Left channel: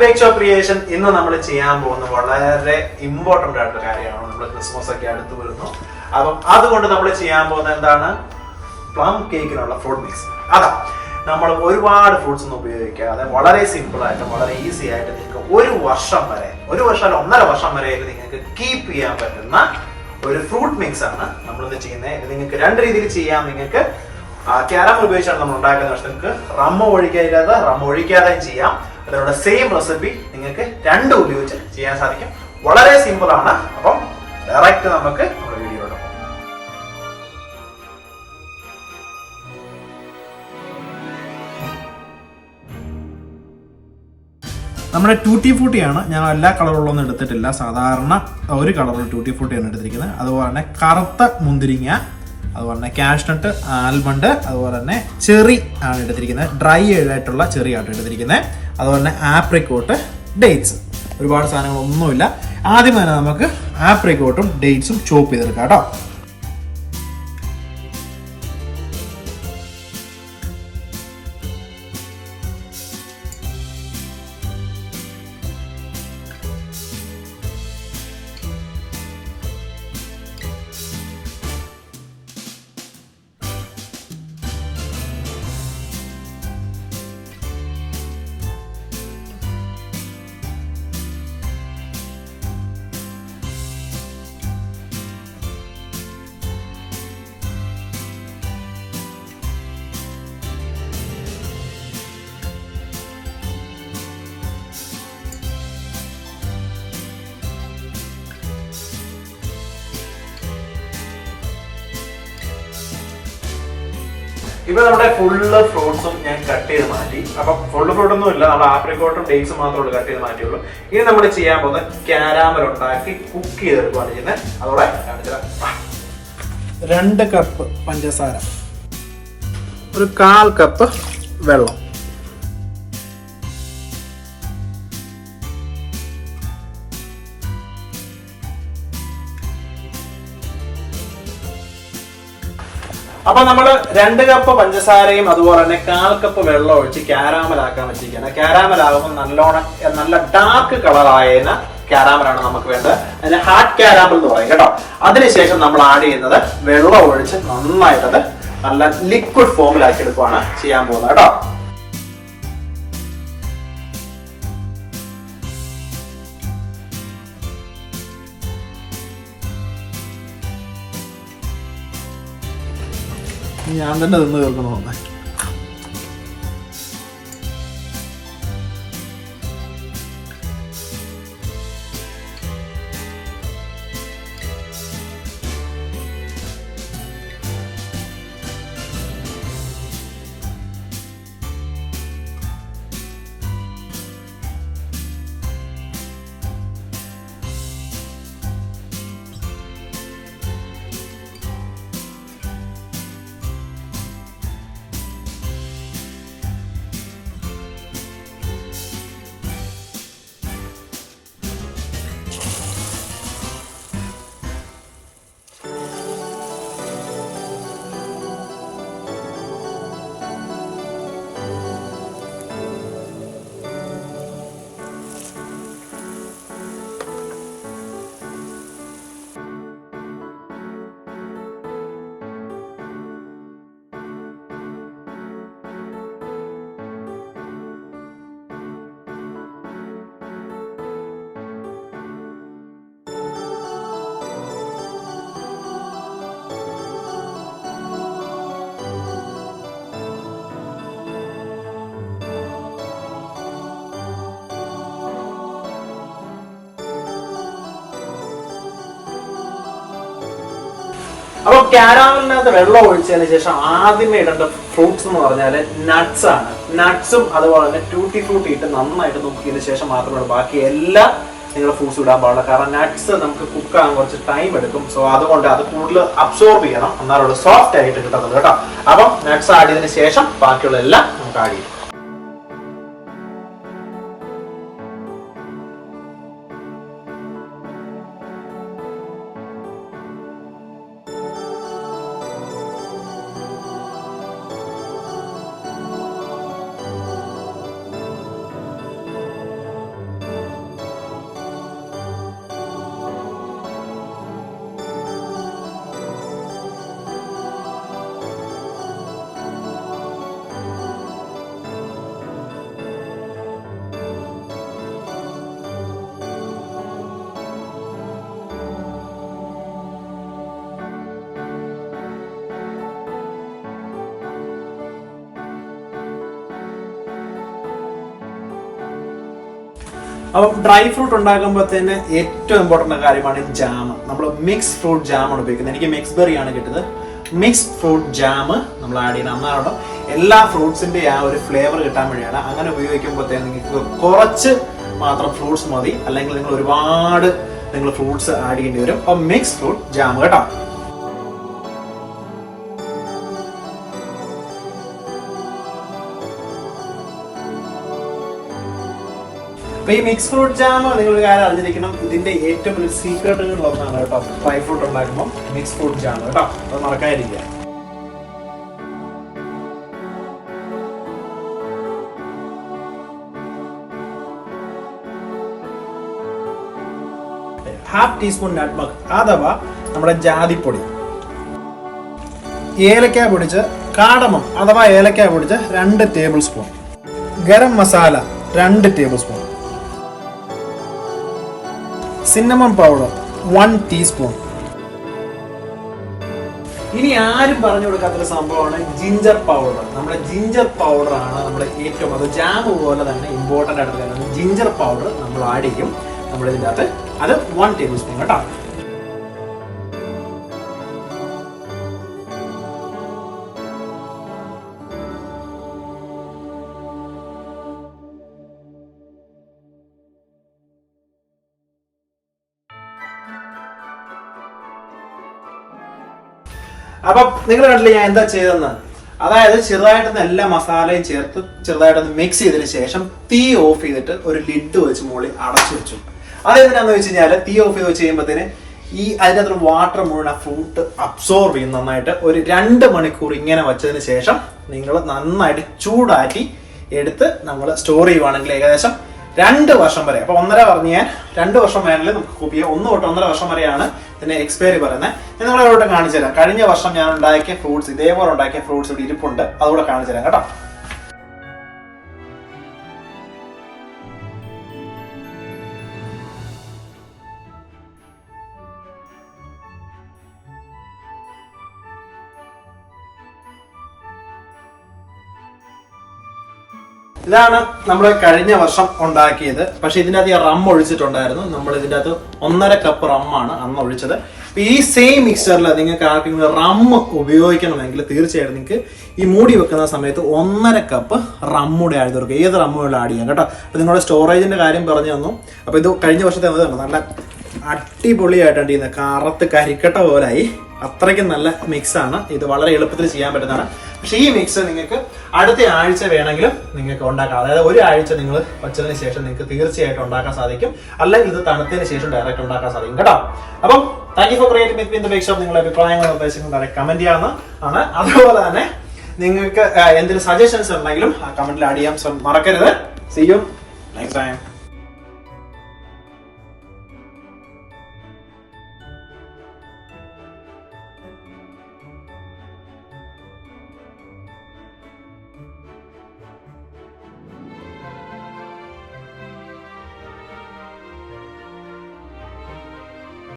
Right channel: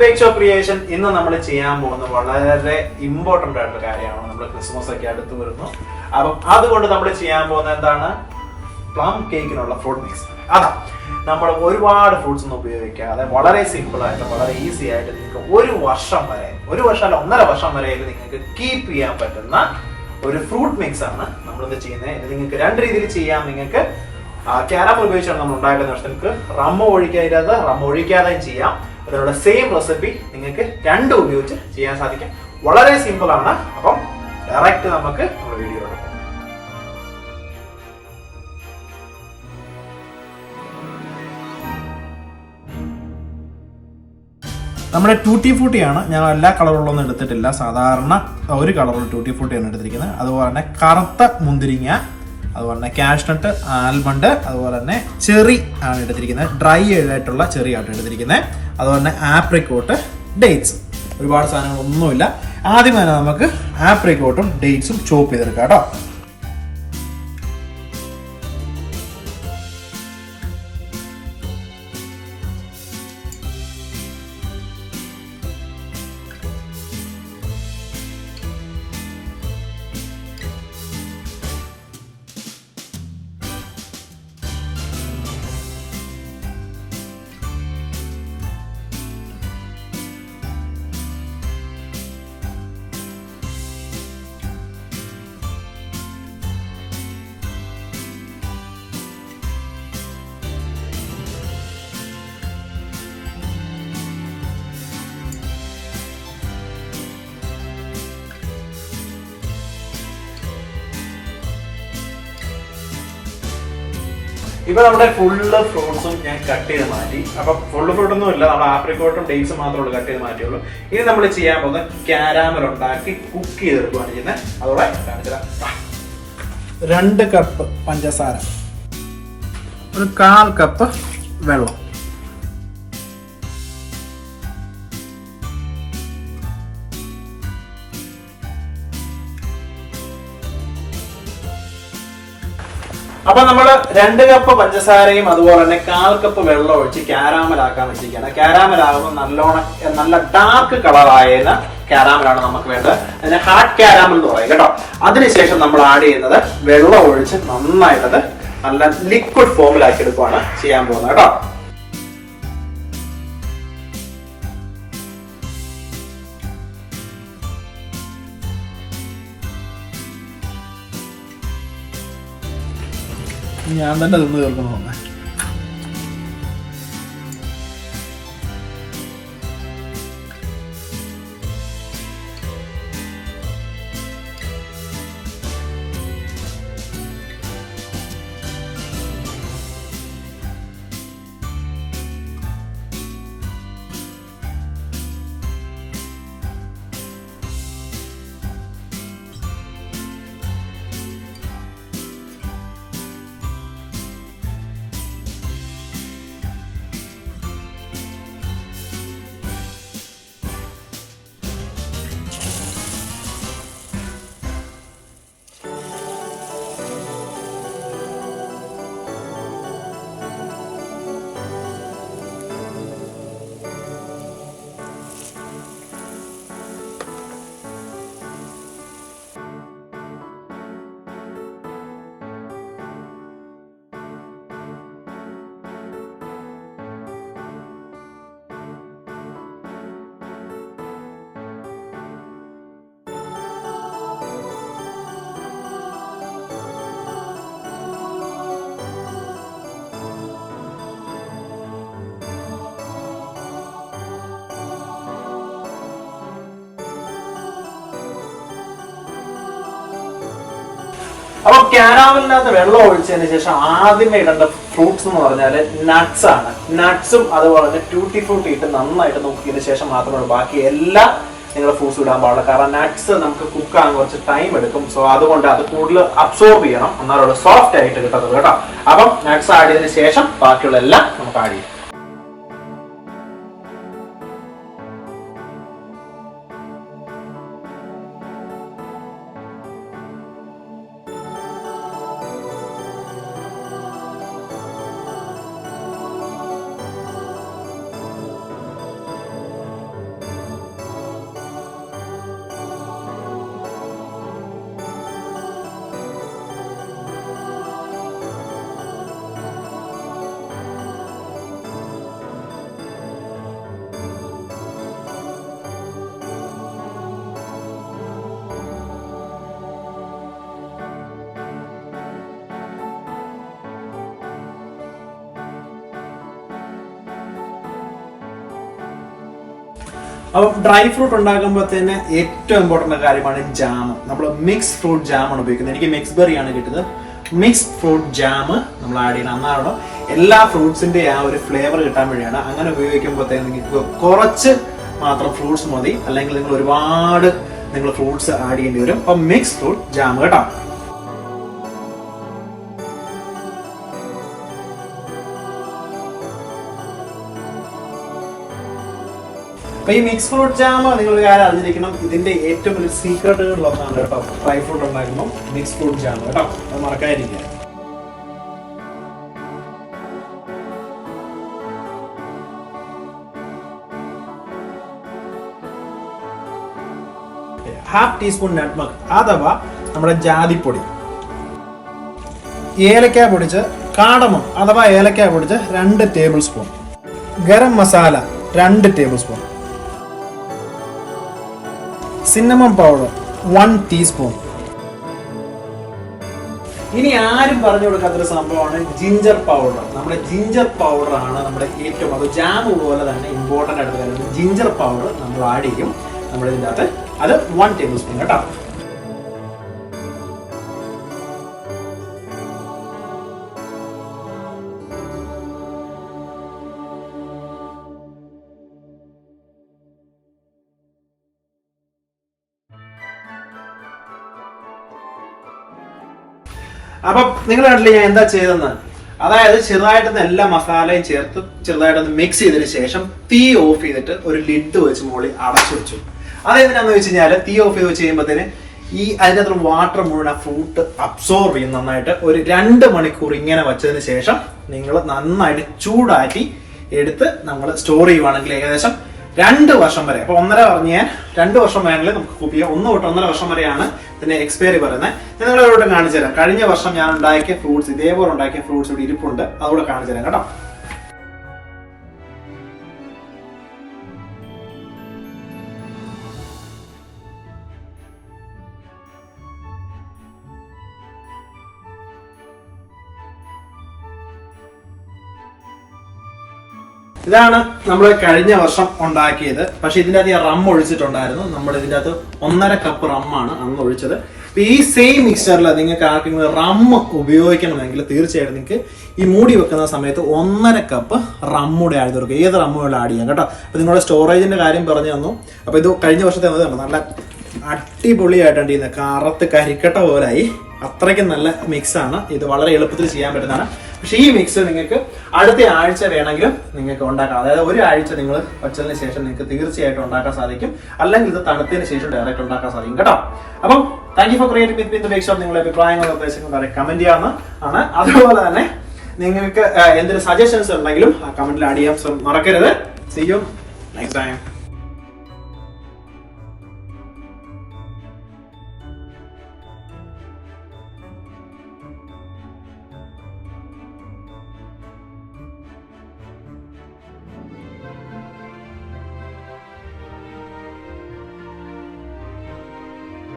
Bake shop creation ഇന്ന് നമ്മൾ ചെയ്യാൻ പോകുന്ന വളരെ ഇമ്പോർട്ടന്റ് ആയിട്ടുള്ള കാര്യമാണ്. നമ്മൾ ക്രിസ്മസ് ഒക്കെ അടുത്ത് വരുന്നു. അപ്പം അതുകൊണ്ട് നമ്മൾ ചെയ്യാൻ പോകുന്ന എന്താണ്, പ്ലം കേക്കിനുള്ള ഫ്രൂട്ട് മിക്സ്. അതാ നമ്മൾ ഒരുപാട് ഫ്രൂട്ട്സ് ഒന്നും ഉപയോഗിക്കാതെ വളരെ സിമ്പിൾ ആയിട്ട് വളരെ ഈസി ആയിട്ട് നിങ്ങൾക്ക് ഒരു വർഷം അല്ല 1.5 വർഷം വരെ നിങ്ങൾക്ക് കീപ്പ് ചെയ്യാൻ പറ്റുന്ന ഒരു ഫ്രൂട്ട് മിക്സ് ആണ് നമ്മളിന്ന് ചെയ്യുന്നത്. ഇത് നിങ്ങൾക്ക് 2 രീതിയിൽ ചെയ്യാം. നിങ്ങൾക്ക് കാരമൽ ഉപയോഗിച്ചാണ് നമ്മൾ ഉണ്ടാക്കുന്നത്. പക്ഷെ നിങ്ങൾക്ക് റമ്മ ഒഴിക്കാതെയും ചെയ്യാം. അതിനുള്ള സെയിം റെസിപ്പി നിങ്ങൾക്ക് 2 ഉപയോഗിച്ച് ചെയ്യാൻ സാധിക്കും. വളരെ സിമ്പിൾ ആണ്. അപ്പം ഡയറക്റ്റ് നമുക്ക് നമ്മുടെ വീഡിയോ എടുക്കാം. നമ്മുടെ ടൂട്ടി ഫ്രൂട്ടിയാണ്. ഞാൻ എല്ലാ കളറുള്ളൊന്നും എടുത്തിട്ടില്ല. സാധാരണ ഒരു കളറുള്ള ടൂട്ടി ഫ്രൂട്ടിയാണ് എടുത്തിരിക്കുന്നത്. അതുപോലെ തന്നെ കറുത്ത മുന്തിരിങ്ങ, അതുപോലെ തന്നെ കാഷ്നട്ട്, ആൽമണ്ട്, അതുപോലെ തന്നെ ചെറി ആണ് എടുത്തിരിക്കുന്നത്. ഡ്രൈ ആയിട്ടുള്ള ചെറി ആണ് എടുത്തിരിക്കുന്നത്. അതുപോലെ തന്നെ ആപ്രിക്കോട്ട്, ഡേറ്റ്സ്. ഒരുപാട് സാധനങ്ങളൊന്നുമില്ല. ആദ്യം തന്നെ നമുക്ക് ആപ്രിക്കോട്ടും ഡേറ്റ്സും ചോപ്പ് ചെയ്തെടുക്കാം കേട്ടോ. ഇപ്പൊ നമ്മുടെ ഫുള്ള് ഫ്രൂട്ട്സും ഞാൻ കട്ട് ചെയ്ത് മാറ്റി. അപ്പൊ ഫുള്ള് ഫ്രൂട്ട് ഒന്നും ഇല്ല, നമ്മുടെ ആപ്രിക്കോട്ടും ഡേറ്റ്സും മാത്രമേ കട്ട് ചെയ്ത് മാറ്റിയുള്ളൂ. ഇനി നമ്മൾ ചെയ്യാൻ പോകുന്ന കാരാമൽ ഉണ്ടാക്കി കുക്ക് ചെയ്തെടുക്കുകയാണ് ചെയ്യുന്നത്. അതോടെ കാണിച്ചുതരാം. 2 കപ്പ് പഞ്ചസാര, ഒരു 1/4 കപ്പ് വെള്ളം, അപ്പൊ നമ്മള് 2 കപ്പ് പഞ്ചസാരയും അതുപോലെ തന്നെ 1/4 കപ്പ് വെള്ളം ഒഴിച്ച് കാരാമലാക്കാൻ വെച്ചിരിക്കുകയാണ്. കാരാമലാകുമ്പോൾ നല്ല ഡാർക്ക് കളറായ കാരാമലാണ് നമുക്ക് വേണ്ടത്. അതിന് ഹാർഡ് കാരാമൽ എന്ന് പറയും കേട്ടോ. അതിനുശേഷം നമ്മൾ ആഡ് ചെയ്യുന്നത് വെള്ളം ഒഴിച്ച് നന്നായിട്ടത് നല്ല ലിക്വിഡ് ഫോമിലാക്കി എടുക്കുകയാണ് ചെയ്യാൻ പോകുന്നത് കേട്ടോ. ഞാൻ തന്നെ തിന്ന് തീർക്കണമെന്ന്. അപ്പൊ കാരാമലിനകത്ത് വെള്ളം ഒഴിച്ചതിന് ശേഷം ആദ്യമേ ഇടേണ്ട ഫ്രൂട്ട്സ് എന്ന് പറഞ്ഞാല് നട്ട്സ് ആണ്. നട്ട്സും അതുപോലെ തന്നെ ട്യൂട്ടി ഫ്രൂട്ടി ഇട്ട് നന്നായിട്ട് നോക്കിയതിന് ശേഷം മാത്രമേ ബാക്കി എല്ലാ നിങ്ങൾ ഫ്രൂട്ട്സ് ഇടാൻ പാടില്ല. കാരണം നട്ട്സ് നമുക്ക് കുക്ക് ആകാൻ കുറച്ച് ടൈം എടുക്കും. സോ അതുകൊണ്ട് അത് കൂടുതൽ അബ്സോർബ് ചെയ്യണം, എന്നാലുള്ള സോഫ്റ്റ് ആയിട്ട് കിട്ടുന്നത് കേട്ടോ. അപ്പം നട്ട്സ് ആഡ് ചെയ്തതിന് ശേഷം ബാക്കിയുള്ള എല്ലാം നമുക്ക് ആഡ് ചെയ്യും. അപ്പം ഡ്രൈ ഫ്രൂട്ട് ഉണ്ടാക്കുമ്പോഴത്തേന് ഏറ്റവും ഇമ്പോർട്ടൻ്റ് കാര്യമാണ് ജാം. നമ്മൾ മിക്സ് ഫ്രൂട്ട് ജാമാണ് ഉപയോഗിക്കുന്നത്. എനിക്ക് മിക്സ് ബെറി ആണ് കിട്ടുന്നത്. മിക്സ് ഫ്രൂട്ട് ജാം നമ്മൾ ആഡ് ചെയ്യണം. എന്നാണ് എല്ലാ ഫ്രൂട്ട്സിന്റെ ആ ഒരു ഫ്ലേവർ കിട്ടാൻ വേണ്ടിയാണ്. അങ്ങനെ ഉപയോഗിക്കുമ്പോഴത്തേന് നിങ്ങൾക്ക് കുറച്ച് മാത്രം ഫ്രൂട്ട്സ് മതി, അല്ലെങ്കിൽ നിങ്ങൾ ഒരുപാട് ഫ്രൂട്ട്സ് ആഡ് ചെയ്യേണ്ടി വരും. അപ്പം മിക്സ് ഫ്രൂട്ട് ജാം കേട്ടോ. അപ്പൊ ഈ മിക്സ് ഫ്രൂട്ട് ജാം നിങ്ങൾ ഒരു കാര്യം അറിഞ്ഞിരിക്കണം, ഇതിന്റെ ഏറ്റവും വലിയ സീക്രട്ടുകളിലൊന്നാണ് കേട്ടോ ഡ്രൈ ഫ്രൂട്ട് ഉണ്ടാക്കുമ്പോൾ മിക്സ് ഫ്രൂട്ട് ജാം കേട്ടോ. അത് മറക്കാതിരിക്കുക. ഹാഫ് ടീസ്പൂൺ നട്ട്മഗ് അഥവാ നമ്മുടെ ജാതിപ്പൊടി, ഏലക്ക പൊടിച്ച്, കാടമം അഥവാ ഏലക്ക പൊടിച്ച് 2 table spoon, garam masala 2 table spoon, cinnamon powder 1 teaspoon. ഇനി ആരും പറഞ്ഞു കൊടുക്കാത്തൊരു സംഭവമാണ് ജിഞ്ചർ പൗഡർ. നമ്മുടെ ജിഞ്ചർ പൗഡർ ആണ് നമ്മുടെ ഏറ്റവും, അത് ജാം പോലെ തന്നെ ഇമ്പോർട്ടൻ്റ് ആയിട്ട് വരുന്നത്. ജിഞ്ചർ പൗഡർ നമ്മൾ ആഡ് ചെയ്യും നമ്മുടെ ഇതിൻ്റെ അകത്ത്. അത് 1 ടേബിൾ സ്പൂൺ കേട്ടോ. അപ്പൊ നിങ്ങൾ കണ്ടില്ലേ ഞാൻ എന്താ ചെയ്തെന്ന്? അതായത് ചെറുതായിട്ടൊന്ന് എല്ലാ മസാലയും ചേർത്ത് ചെറുതായിട്ടൊന്ന് മിക്സ് ചെയ്തതിന് ശേഷം തീ ഓഫ് ചെയ്തിട്ട് ഒരു ലിഡ് വെച്ച് മുകളിൽ അടച്ചു വെച്ചു. അതെന്തിനാന്ന് വെച്ച് കഴിഞ്ഞാൽ തീ ഓഫ് ചെയ്ത് വെച്ച് കഴിയുമ്പോഴത്തേന് ഈ അതിനകത്ത് വാട്ടർ മുഴുവൻ ആ ഫ്രൂട്ട് അബ്സോർവ് ചെയ്യും നന്നായിട്ട്. ഒരു 2 മണിക്കൂർ ഇങ്ങനെ വെച്ചതിന് ശേഷം നിങ്ങൾ നന്നായിട്ട് ചൂടാക്കി എടുത്ത് നമ്മൾ സ്റ്റോർ ചെയ്യുവാണെങ്കിൽ ഏകദേശം 2 വർഷം വരെ. അപ്പൊ 1.5 പറഞ്ഞ് ഞാൻ 2 വർഷം വേണമെങ്കിൽ നമുക്ക് കുക്ക് ചെയ്യാം. 1 തൊട്ട് 1.5 വർഷം വരെയാണ് ഇതിന്റെ എക്സ്പയറി പറയുന്നത്. നിങ്ങളോട് കാണിച്ചു തരാം. കഴിഞ്ഞ വർഷം ഞാൻ ഉണ്ടാക്കിയ ഫ്രൂട്ട്സ്, ഇതേപോലെ ഉണ്ടാക്കിയ ഫ്രൂട്ട്സ് ഇവിടെ ഇരിപ്പുണ്ട്, അതുകൂടെ കാണിച്ചു തരാം കേട്ടോ. ഇതാണ് നമ്മൾ കഴിഞ്ഞ വർഷം ഉണ്ടാക്കിയത്. പക്ഷെ ഇതിൻ്റെ അകത്ത് റം ഒഴിച്ചിട്ടുണ്ടായിരുന്നു. നമ്മൾ ഇതിൻ്റെ അകത്ത് 1.5 കപ്പ് റമ്മാണ് അന്ന് ഒഴിച്ചത്. ഈ സെയിം മിക്സ്ചറിൽ നിങ്ങൾക്ക് ആർക്കെങ്കിലും റം ഉപയോഗിക്കണമെങ്കിൽ തീർച്ചയായിട്ടും നിങ്ങൾക്ക് ഈ മൂടി വെക്കുന്ന സമയത്ത് 1.5 കപ്പ് റമ്മൂടെ ആഡ് തീർക്കുക. ഏത് റമ്മുകളും ആഡ് ചെയ്യാം കേട്ടോ. അപ്പൊ നിങ്ങളുടെ സ്റ്റോറേജിന്റെ കാര്യം പറഞ്ഞു തന്നു. അപ്പൊ ഇത് കഴിഞ്ഞ വർഷത്തെ നല്ല അടിപൊളിയായിട്ടാണ് ചെയ്യുന്നത്. കറുത്ത് കരിക്കട്ട പോലായി. അത്രയ്ക്കും നല്ല മിക്സ് ആണ്. ഇത് വളരെ എളുപ്പത്തിൽ ചെയ്യാൻ പറ്റുന്നതാണ്. പക്ഷെ ഈ മിക്സ് നിങ്ങൾക്ക് അടുത്ത ആഴ്ച വേണമെങ്കിലും നിങ്ങൾക്ക് ഉണ്ടാക്കാം. അതായത് 1 ആഴ്ച നിങ്ങൾ വച്ചതിന് ശേഷം നിങ്ങൾക്ക് തീർച്ചയായിട്ടും ഉണ്ടാക്കാൻ സാധിക്കും. അല്ലെങ്കിൽ ഇത് തണുത്തതിന് ശേഷം ഡയറക്റ്റ് ഉണ്ടാക്കാൻ സാധിക്കും കേട്ടോ. അപ്പം thank you for creating with me in the bake shop. നിങ്ങളുടെ അഭിപ്രായങ്ങളും നിർദ്ദേശങ്ങളും കമന്റ് ചെയ്യാവുന്നതാണ്. അതുപോലെ തന്നെ നിങ്ങൾക്ക് എന്തെങ്കിലും സജഷൻസ് ഉണ്ടെങ്കിലും ആ കമന്റിൽ ആഡ് ചെയ്യാൻ മറക്കരുത്. See you next time.